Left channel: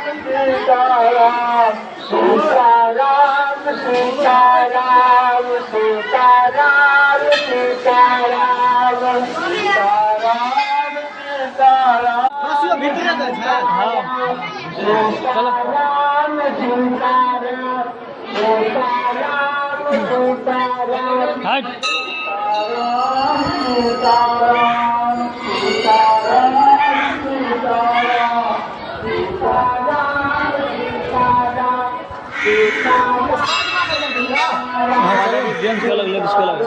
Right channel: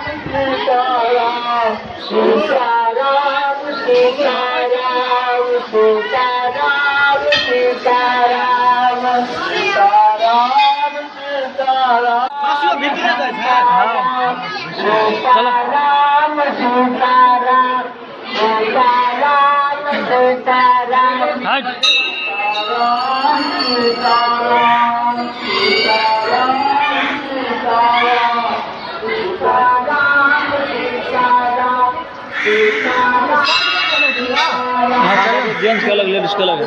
सीताराम सीताराम सीताराम सीताराम सीताराम सीताराम सीताराम। चलो हट हाँ चलो जेंट्स को अलग लेडीज को अलग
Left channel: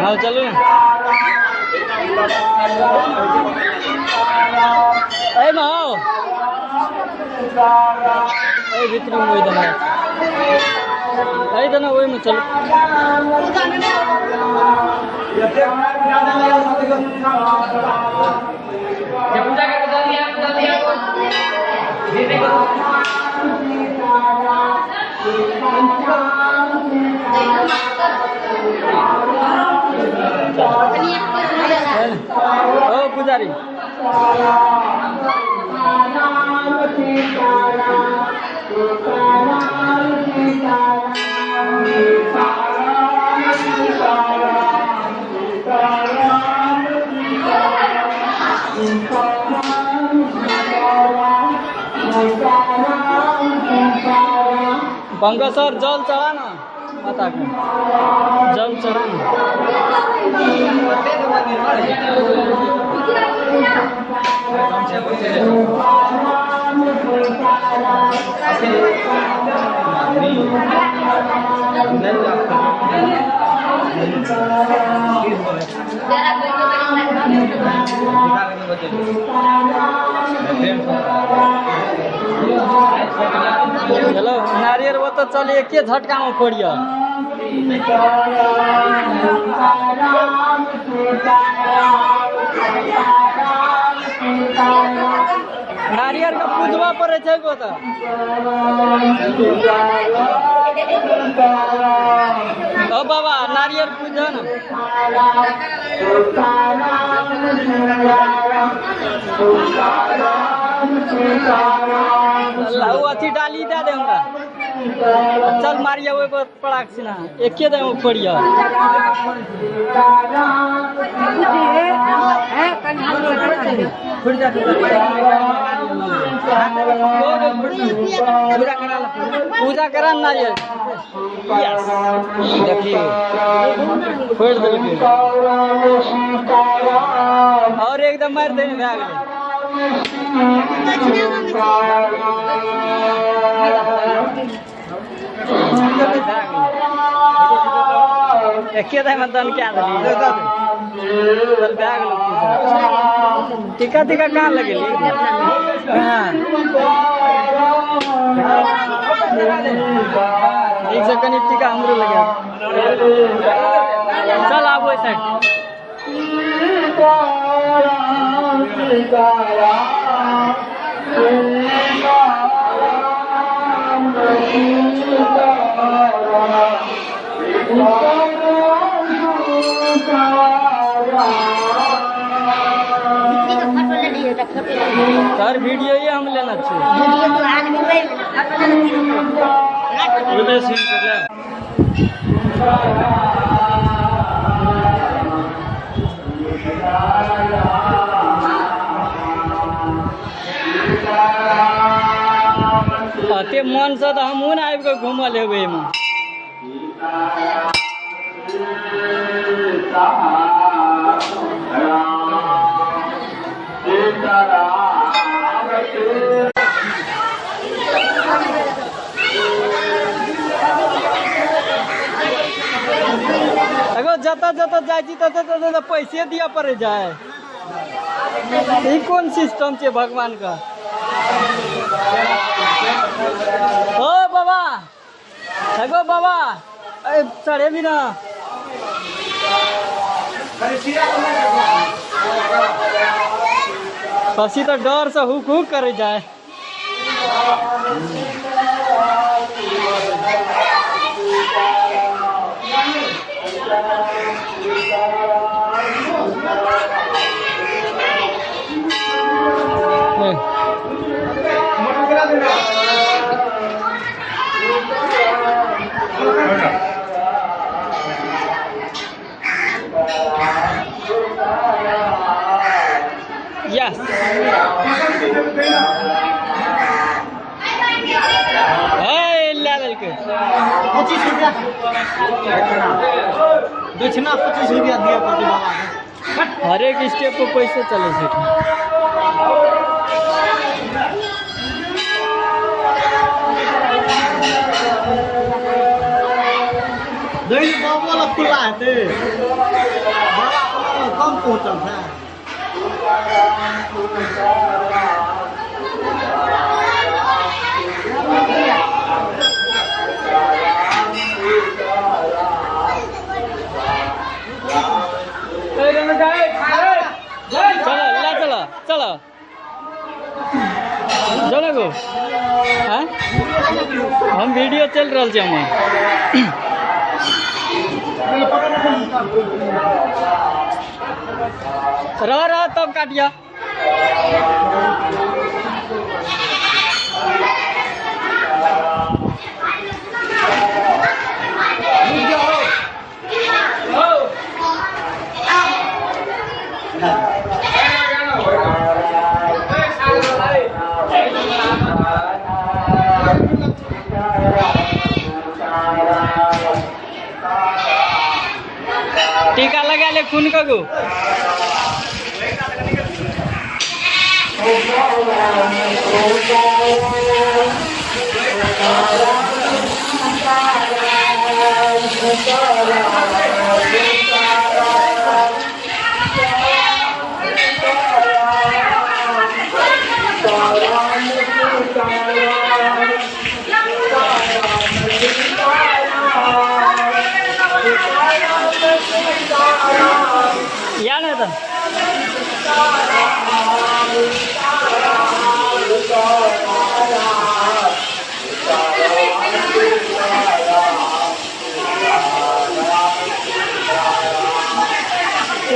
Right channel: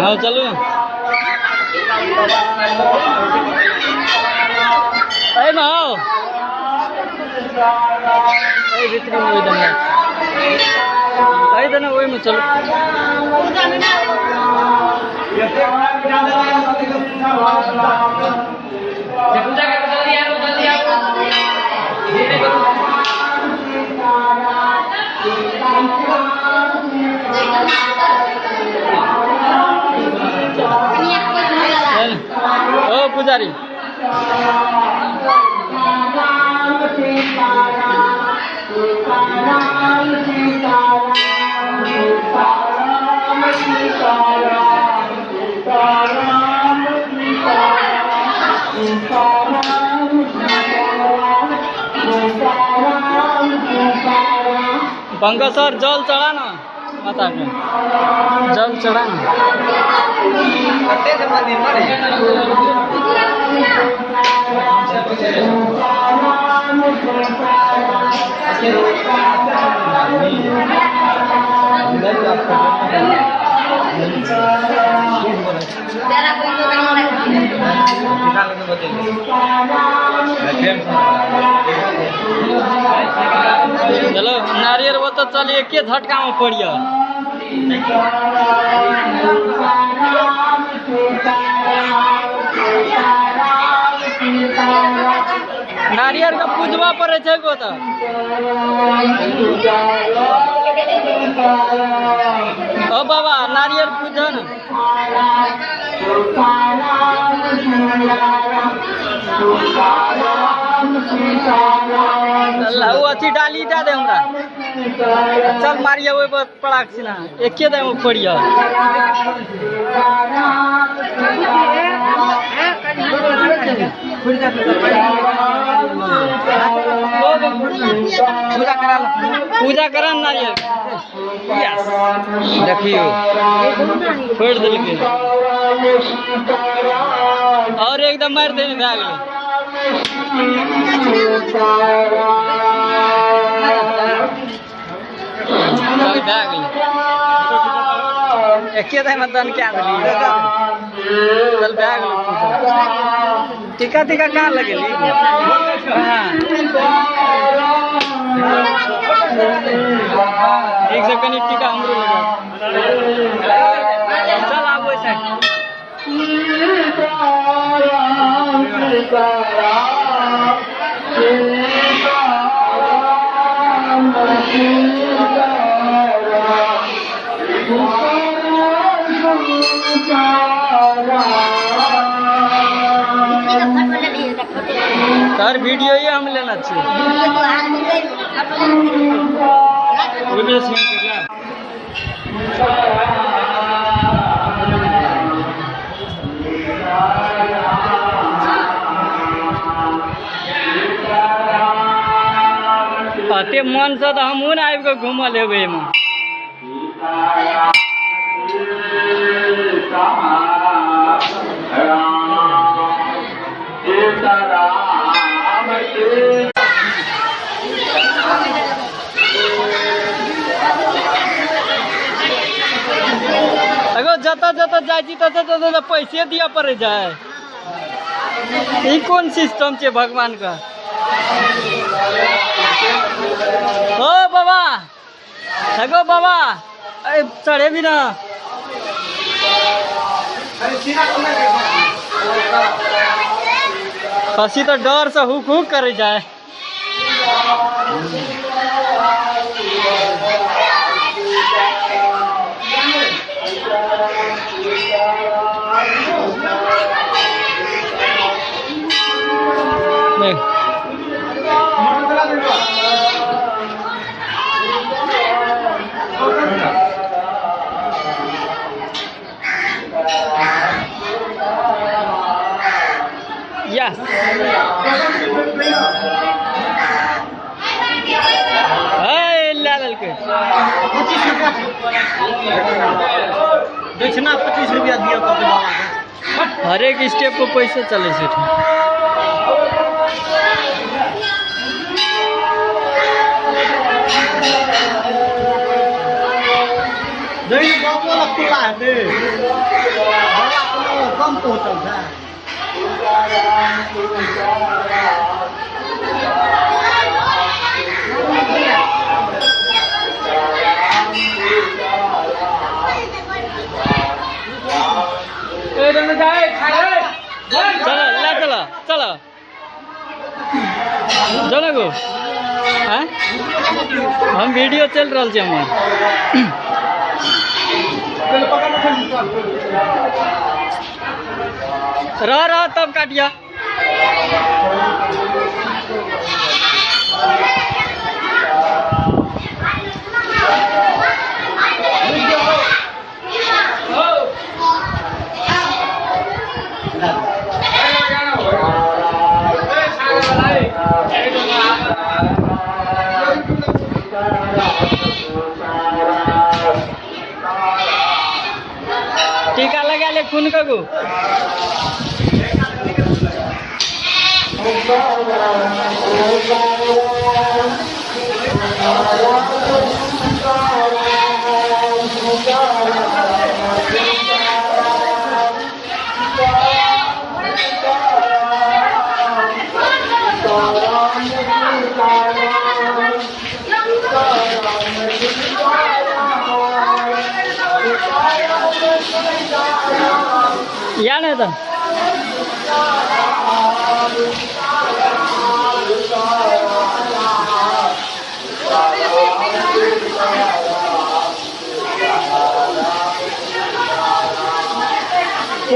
हाँ चलो ना अरे माओ अरे भीतरी में वही देना अरे देना वही में चलो पूजा के बता दिया ओ पुजारी पंकज सर जल चढ़ा ना माता के जल चढ़ा ना चलो नारियल वो तो चलिए एक झटका में पड़िया नारियल का पूजवा पड़े थे को तो ओ बाबा नारियल पूजा ना वो अथी डाली दे दे हमरा चल मारिया वो पड़ाक सीना एक दे में पड़िया पूजा करा नारियल देखियो फोड़ देलके और एकदम मार देने भाग ले एक मतदान क्या चल बैग लो टीका टीका कहाँ लगे एक सेकंड टीका हमरो लगे चल आप वो साइड सर वीडियो ये हम लेना चाहिए ते मन से तो हमहूँ ने आबि कऽ घूमल हेबै एहिमे अगर जतऽ जतऽ जाइ छी ततऽ पैसे दिया पड़े जाए ई कोन सिस्टम छै भगवान का ओ बाबा सगो बाबा अरे चढ़े भी ना खसी तो डर से हुक हुक करे जाए। Yes. Hey, लाल के 25 रुपया दक्षिणा 25 रुपया दिया कर दे। हर एक स्टेप को पैसे चले से नहीं बाबा लगता है बड़ा कम पहुंचल था। चलो ला चलो चलो चलो गो। हाँ हम वीडियो चल रहा है हमार। रह तब काटिया। टीका लगा ले खून का गो। या नहीं था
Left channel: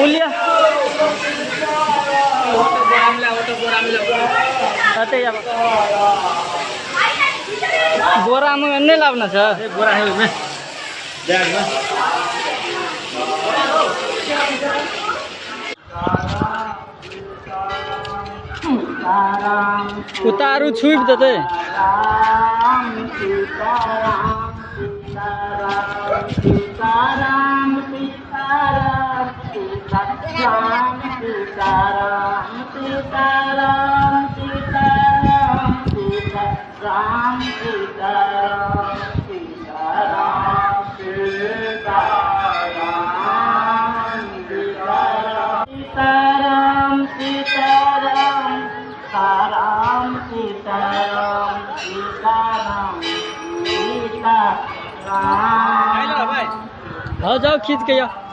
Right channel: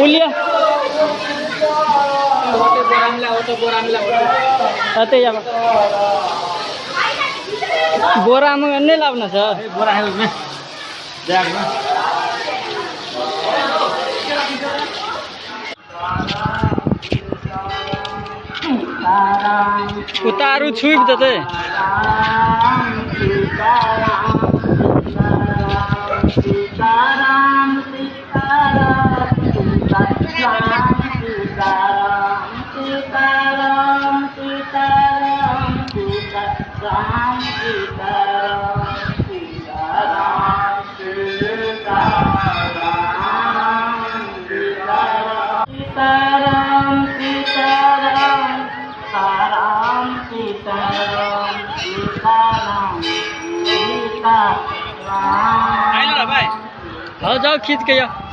उलिया बोरा में नहीं लावना था। बोरा है उसमें बैग में। उतारू छुप देते। हाँ जाओ खींच के जाओ।